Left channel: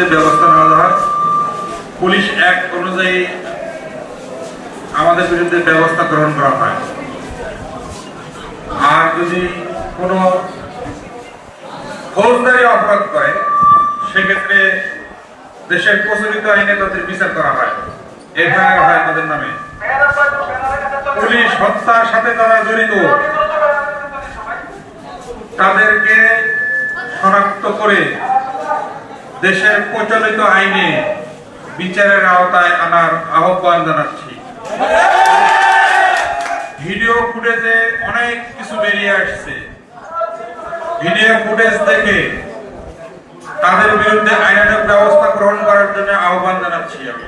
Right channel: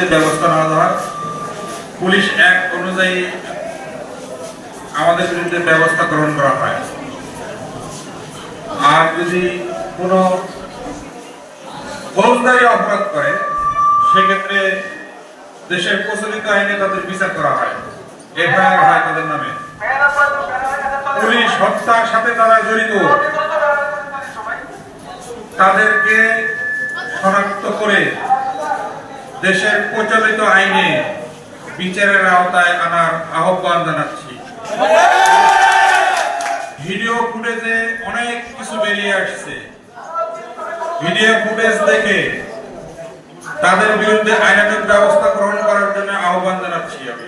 বিরুদ্ধে ব্যবস্থা নেওয়া হয়। পুলিশ অ্যাক্ট অনুযায়ী আমাদের বিরুদ্ধে ব্যবস্থা গ্রহণ করা হয়। আর যদি কোনো ফৌজদারি অপরাধ করে সেক্ষেত্রে দেশের প্রচলিত আইনে তাদের বিচার করা হয়, এফআইআর হয় তাদের নামে। পুলিশ হত্যার সাথে যারা জড়িত তাদেরকে শনাক্ত করে দেশের প্রচলিত আইনে বিচারের আওতায় আনার আহ্বান জানাচ্ছি। ভিডিও ফুটেজে অনেক কিছু বেরিয়ে আসছে, ভিডিও ফুটেজ দেখে তাদের বিরুদ্ধে আইনানুগ ব্যবস্থা গ্রহণ করার জন্য আহ্বান জানাচ্ছি আমি।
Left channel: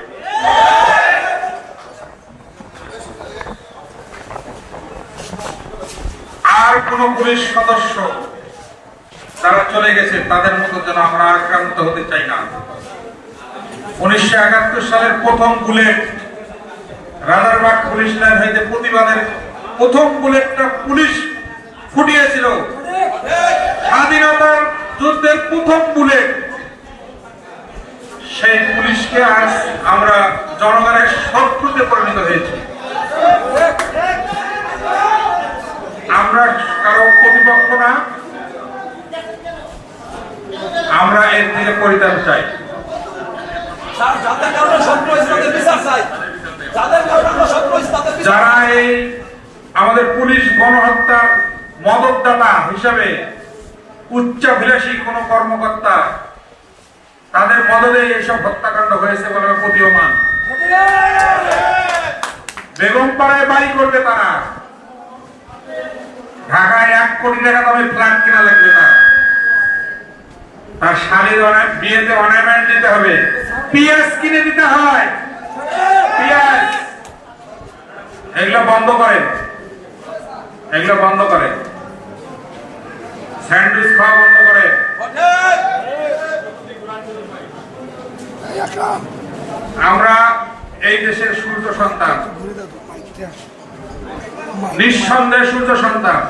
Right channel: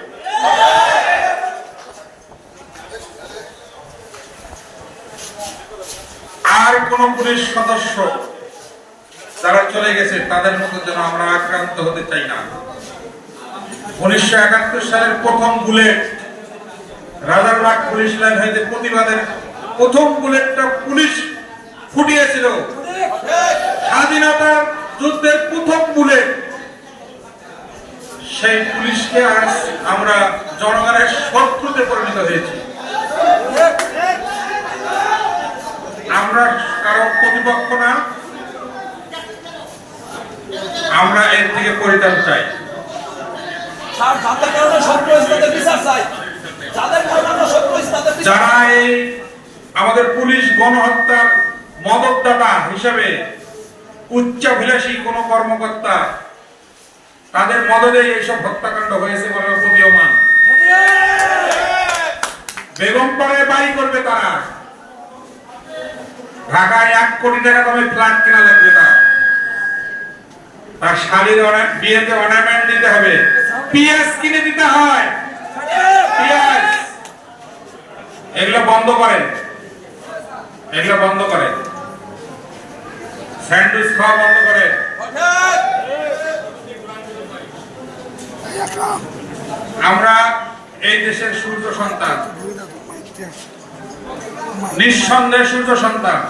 আর কোন পুলিশ সদস্য যারা চলে গেছে তাদের মতো যেন আমরা আক্রান্ত হতে চাই না। 1971 সালের প্রথম বুলেট রাজারবাগ পুলিশ লাইন হইতে প্রতিবাদের প্রথম বুলেটটা পুলিশ ফুটিয়েছিল। স্বাধীনতার যুদ্ধের প্রথম বুলেট, সেই পুলিশকে আজ আমরা জনগণের শত্রুতে পরিণত হয়েছি। আমরা কারো প্রতিপক্ষ না, আমরা এর থেকে পরিত্রাণ চাই। যারা এই আমাদের পুলিশ গণহত্যার মদতদাতা হিসেবে উচ্চাভিলাষী কোন কর্মকর্তা, তাদের মদদে এইসব হত্যাকাণ্ড হয়েছে বলে প্রতীয়মান। বেগমপাড়ায় বাড়ি করবে তারা, ঢাকায় 1 কোটি টাকা দামে ফ্ল্যাট কেনা লাগবে তার শালীর বিয়েতে অর্নামেন্ট দিতে হবে, পিএস কিনে দিতে হয়, পিএস। এগুলো বন্ধ করেন, এগুলো বন্ধ করেন, স্যান্ডউইচ খাওয়া বন্ধ করেন। আমরা এই দেশের সূর্য সন্তান, নিঃসন্দেহে সূর্য সন্তান।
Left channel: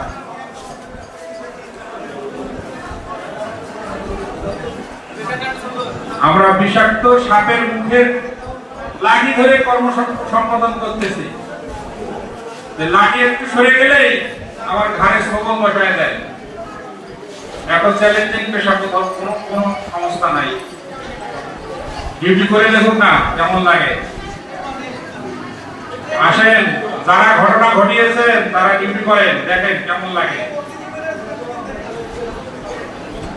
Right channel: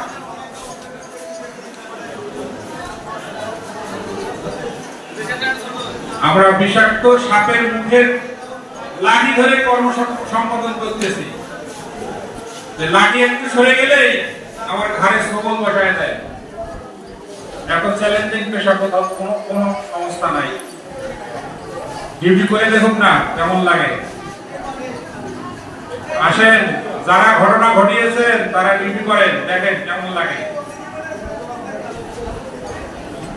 আমরা বিষাক্ত সাপের মুখের লাঠি ধরে কর্ম সম্পাদন করতেছি। লাঠি একটু সরে গেলেই আমার ঘাড়ে সবল বসায় দেয়। এখন চ্যালেঞ্জিং পেশা, কোথাও কোনো সমস্যা নাই। ডিউটি করে দেখুন না কেমন লাগে। আসেন, যারা ঘটনা ঘটিয়েছেন তারা ডিউটি করেন, দেখেন কেমন লাগে।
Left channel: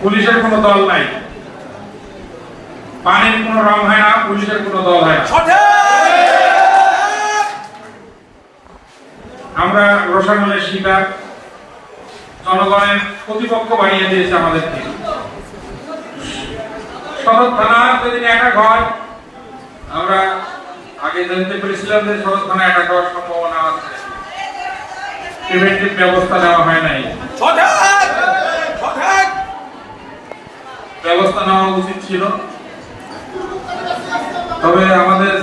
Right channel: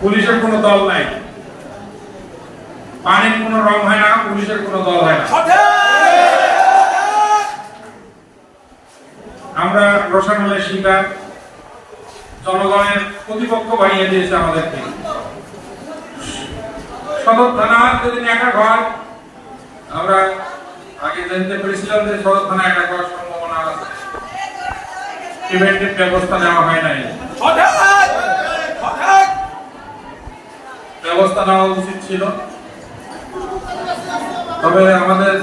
পুলিশের কোনো দল নাই, পানির কোনো রং হয় না, পুলিশের কোনো দল হয় না। আমরা রোশানলের শিকার, জনগণের প্রতিপক্ষ বানিয়ে দিয়েছে আমাদেরকে। সদর থানা যেদিন অ্যাটাক হয়, আমরা আগে জানতে পেরেছিলাম যে সদর থানা অ্যাটাক হওয়ার সম্ভাবনা আছে, প্রিভেন্টিভ ব্যবস্থা নেওয়া হয় নাই। ব্যবস্থা নেওয়া উচিত ছিল। তবে আমাদের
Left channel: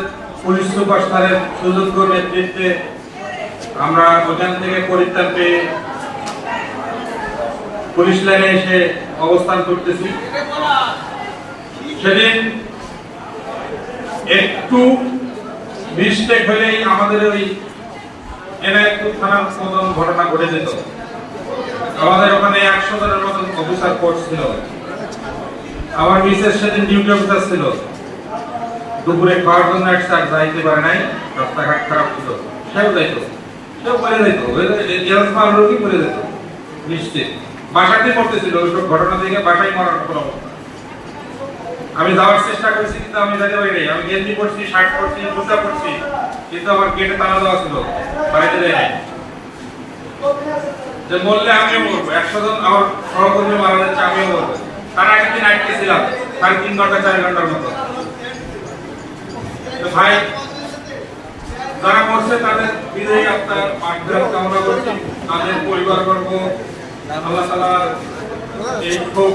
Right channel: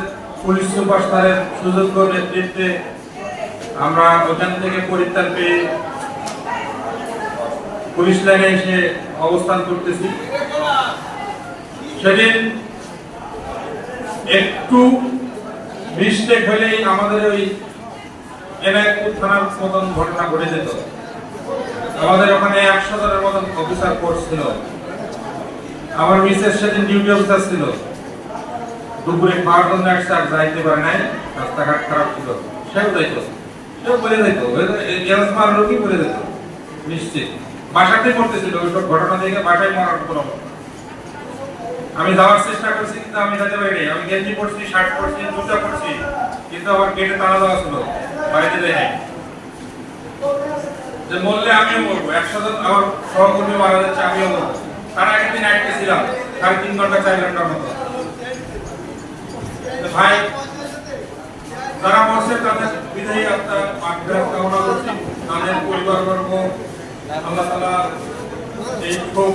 পুলিশ সুপার স্যারের সুযোগ্য নেতৃত্বে আমরা ওখান থেকে পরিত্রাণ পেয়ে পুলিশ লাইনে এসে অবস্থান করতেছি। সেদিন একটু মিস্টেক হলেই আমাদের ওই এনায়েতপুর থানার মতন ঘটনা ঘটে যেত। আমাদের ওখানে 100 জনের মতন অফিসার ফোর্স ছিল। আমার মিসেস সেদিন ডিউটি অফিসার ছিল, দুপুরে খাওয়ার জন্য একসাথে যাইতে পারে নাই, রাস্তাঘাট খারাপ ছিল। সেও যাইত, সেও বলে যেত, এরকম রোগী বলে যেত নিশ্চিত। বাসাতে পড়তেছিল ওইসব ঘটনা থেকে, বাসায় মরার মতো অবস্থা। আমি যাওয়ার চেষ্টা করছি কিন্তু আমি যেতে পারি নাই। আমি গেঞ্জি পরছি, শার্ট পরছি, জুতা পরছি, কিন্তু আমার গেটে তালা দেওয়া ছিল, বাড়িতে যাই নাই। যে বললে আমিও মরবো, 100 জন আমার সহকর্মী মারা যাচ্ছে, আমিও মরবো। তারা একদিন আটকে ছিলাম 3.5 ঘন্টা 4 ঘন্টার মতো। ভাই যারা মরছে তাদের বিদায়ী আত্মার মাগফিরাত কামনা করছি। তাদের পরিবারবর্গ আল্লাহ তাআলা এই খুব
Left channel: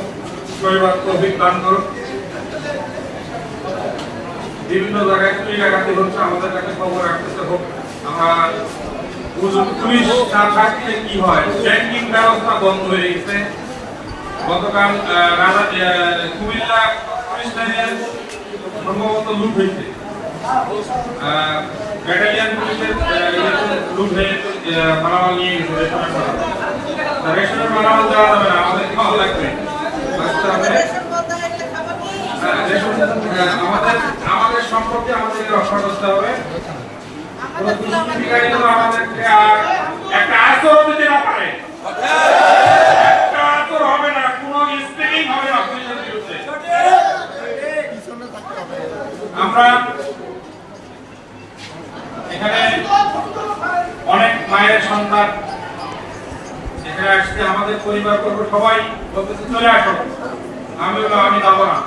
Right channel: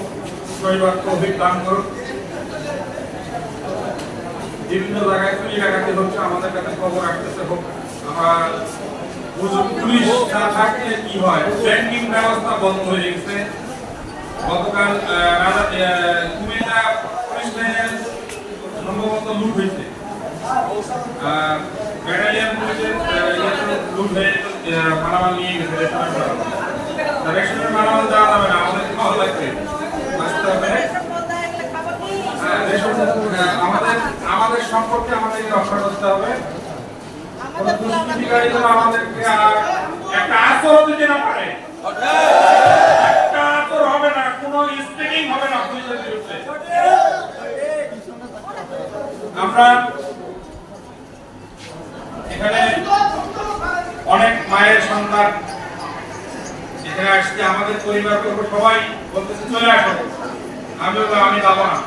পরিবার তৌফিক দান করুন। বিভিন্ন জায়গায় চুরি ডাকাতি হচ্ছে, আমাদের কাছে খবর আসতেছে হোক। আমার পুলিশ না থাকলে কি হয়, ব্যাংকিং ব্যবস্থা বন্ধ হয়ে গেছে। গতকাল কুমিল্লা পুলিশ লাইনের মতো লুট হয়েছে। ব্যাটালিয়ান পুলিশের লুট হয়ে মালামাল নিয়ে গেছে রেশনের মালামাল। রেশনের মালামাল দেওয়া যাবে না, আমাদের খাওয়া লাগবে, বুঝতে হবে। আমাদের সম্পর্কে আমাদেরকে রক্ষা করতে হবে। কোন দুষ্কৃতিকারী যেন আমাদেরকে একটা আচরণ দিতে না পারে, একটা আচরণ হবে না, কোনো স্পিকিং হবে না পুলিশের বিরুদ্ধে। আমরা এখানে অনেক মায়ের সন্তান এখানে আসছে, আমাদের পরিবার বর্গ সবাই বলতেছে চলে আসো। আমি যাবো না।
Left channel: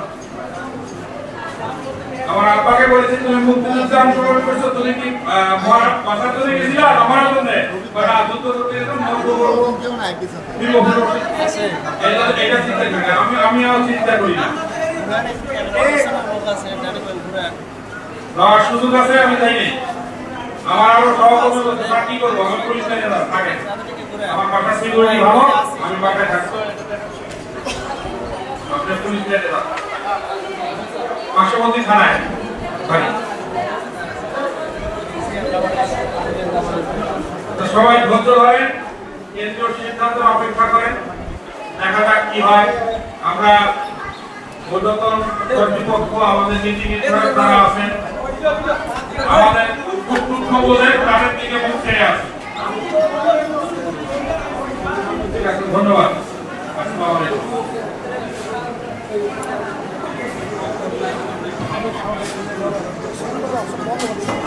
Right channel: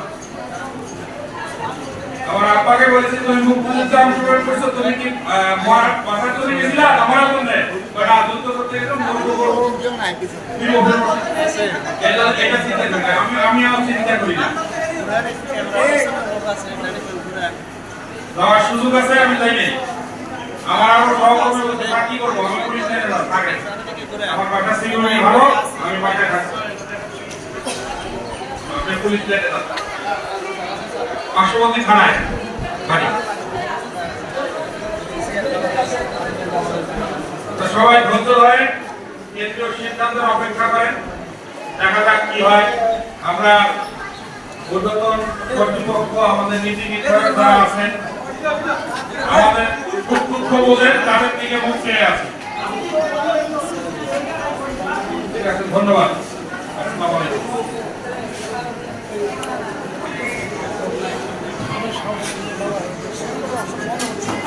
আমার আব্বাকে বলেছি তুমি মুক্তিযুদ্ধে অংশগ্রহণ করছো, তুমি কি বাসার জন্য গেছিলা? আমার জন্য যুদ্ধ করতে গেছিলাম, এটা চিন্তা করি না, আমিও চিন্তা করি না। যাওয়ার সুযোগ আছে, আমি যাই নাই। আমার আরো সহকর্মী বলছে কি করবো, আমার পুলিশ লাইনে থাকে, আমার বাসার সিকিউরিটি ভালো, আমি বাসায় থাকবো, আপনি পুলিশ লাইনে যান পার্শ্ববর্তী থানায়। সবাই ধৈর্য ধরেন, কেন্দ্রীয় সিদ্ধান্তের অপেক্ষা করেন, দেখা যাক কি হয়। আমরা ঊর্ধ্বতন কর্তৃপক্ষ, আমাদের নীতিবিদরা যারা আছেন, আমাদের উৎপক্ষ বলে তাদের দিকে মুখ চেয়ে আছে। ঠিক আছে, ধন্যবাদ। আসসালামু আলাইকুম।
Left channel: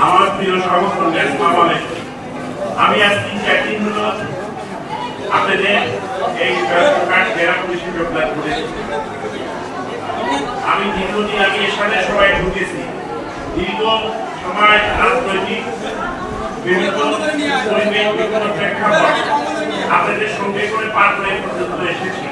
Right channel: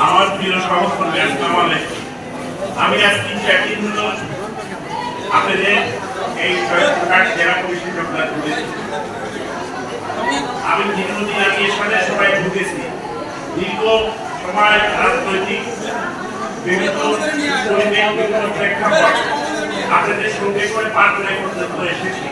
আমার প্রিয় সহকর্মী, আসসালামু আলাইকুম। আমি আজকে একদিন হলো আপনাদের এই জেলা কমিশন যোগদান করেছি। আমি দীর্ঘদিন আগে এর সাথে সবাই ঢুকেছি। দীর্ঘ সময় রাজনৈতিক বিভিন্ন প্রেক্ষাপট আপনাদের সঙ্গে করে পার করে পর্যন্ত এসেছি।